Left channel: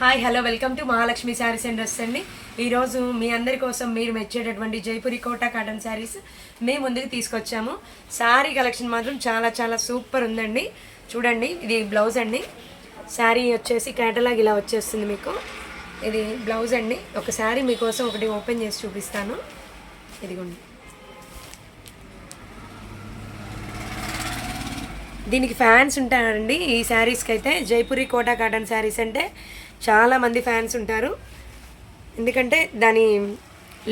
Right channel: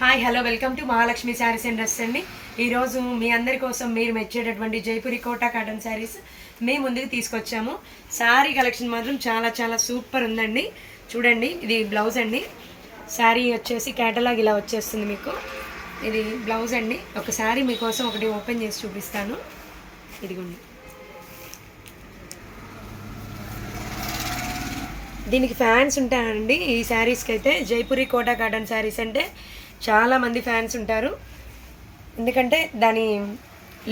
Hi hello welcome to Mahalakshmi saris and dress అండి. ఈరోజు మీ అందరి కోసం మీరు మెచ్చేటటువంటి జైపూరి కోటా కాటన్ శారీస్ మేము ముందుకు తీసుకొచ్చాము. శారీ కలెక్షన్ మాత్రం చాలా చాలా సూపర్ ఉందండి. చూడండి, ఇది బ్లౌజ్ అండి. శారీ వచ్చేసి కేటలాగ్ ఇలా వచ్చేస్తుంది మీకు. ఇది బ్లౌజ్ అండి. ఒక శారీ మీకోసం ఒకటి ఓపెన్ చేసి చూపిస్తాను. ఇదిగోండి, దీనికి ఫ్యాన్స్ ఉంటారండి. ఈ శారీస్కి అయితే జైపూరి కోటా కాటన్ శారీస్ అంటే చాలామంది ఫ్యాన్స్ ఉంటారు. ఎందుకంటే దాని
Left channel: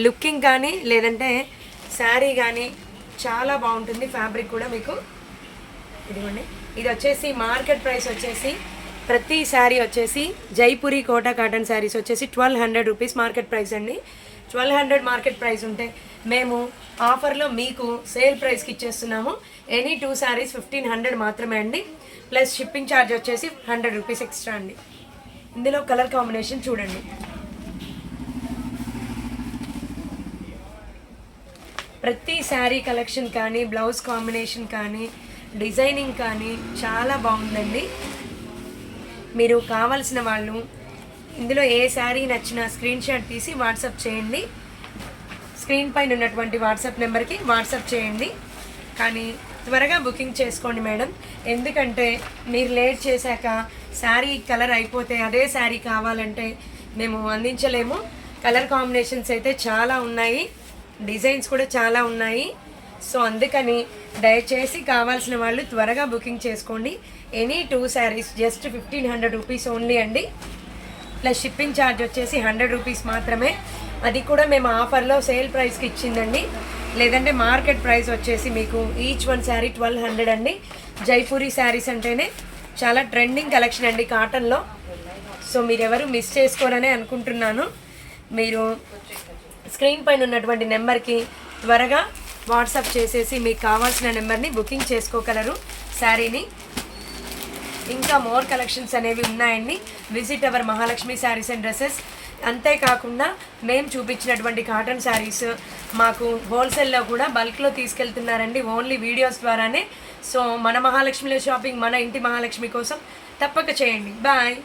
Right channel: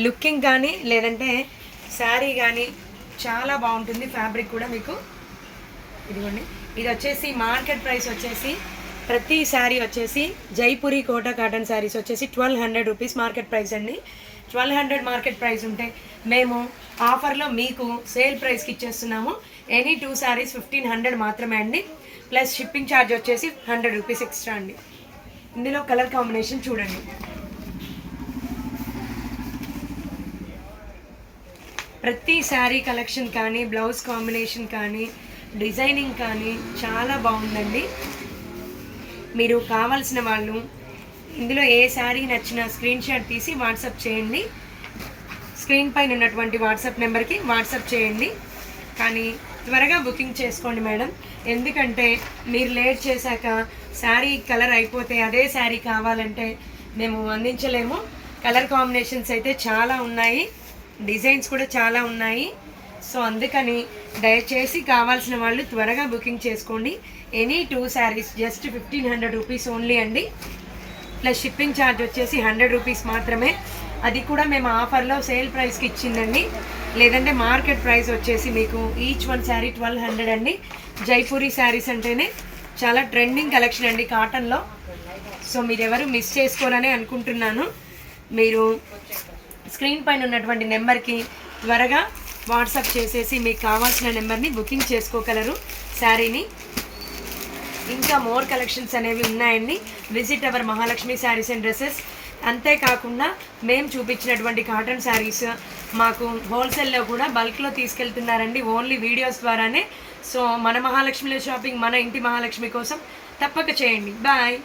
లుకింగ్ కానీ లేదంటే శారీ కానీ చాలా బాగుంటుంది. ఫ్యాబ్రిక్ కూడా మీకు ఇదిగోండి, ఇది వచ్చేసి మార్కెట్ ప్రైస్ వచ్చేసి ప్రతి శారీ వచ్చేసి జైపూరి కోటా కాటన్ శారీస్ వచ్చేసి 1200 రూపీస్ మార్కెట్ ప్రైస్ అండి. 1200 మార్కెట్ ప్రైస్ ఉంటే మేము ఆఫర్లో మీకు సేల్ ప్రైస్కి ఇచ్చేస్తున్నాము. ఎనీ 2 శారీస్ 1500 మాత్రమే అండి. ప్లస్ షిప్పింగ్ ఛార్జ్ వచ్చేసి 100 రూపీస్ ఎక్స్ట్రా అండి. ఇందులో కలర్ కాంబినేషన్ చూడండి. ప్రతి శారీ కలెక్షన్ కానీ బ్లౌజ్ కాంబినేషన్ కానీ డిజైనింగ్ కానీ చాలా బాగుందండి. మీరు కావాల్సిన వాళ్ళు ఇందులో ఏ శారీ నచ్చినా స్క్రీన్ షాట్ తీసి వాట్సాప్ చేయండి. స్క్రీన్ పైన ఉన్నటువంటి వాట్సాప్ నెంబర్కి వాట్సాప్ చేయండి. కానీ త్వరగా బుకింగ్ చేసుకోండి మేడం. ఎందుకంటే మీరు లేట్ చేశాక శారీ కలర్ అయిపోతే అదే శారీ కావాలంటే మేము అందించలేము. కలర్ కాంబినేషన్స్ అయితే చాలా ఉన్నాయి, డిజైన్స్ కూడా చాలా ఉన్నాయి. సో అందుకని దయచేసి కావాల్సిన వాళ్ళు త్వరగా బుకింగ్ చేసుకోండి. Any 2 saris just 1500 rupees only అండి. ప్లస్ షిప్పింగ్ ఛార్జ్ వచ్చేసి 100 రూపీస్ మాత్రమే. అది కూడా మేము ఆఫర్లో సేల్ ప్రైస్కి ఇచ్చిందండి. లేదంటే మార్కెట్ ప్రైస్ వచ్చేసి మీకు ఈచ్ 1 శారీ 1200 అండి. జైపూరి శారీస్ అంటేనే చాలా ట్రెండింగ్ కలెక్షన్ అండి కాటన్లో. సో మీరెవరు మిస్ చేసుకోరని అనుకుంటున్నాను. మీరు స్క్రీన్ పైన ఉన్నటువంటి నెంబర్కి త్వరగా వాట్సాప్ చేసేసి మీకు కావాల్సిన నెంబర్ని బుకింగ్ చేసుకోగలరు శారీని. ఇంకా మోర్ కలెక్షన్స్ అనేవి ఉన్నాయండి. Visit our Mahalakshmi saris and dresses. అంతేకాకుండా మేము చూపించినటువంటి కాటన్ శారీస్ మాకు హోల్సేల్లో కూడా బల్క్లో తీసుకెళ్తున్నారండి, ఓన్లీ వీడియోస్ ద్వారానే. సో మన మహాలక్ష్మిలో షాపింగ్ మన ఇంటి మహాలక్ష్మి కోసం తప్పక చేయండి. బాయ్.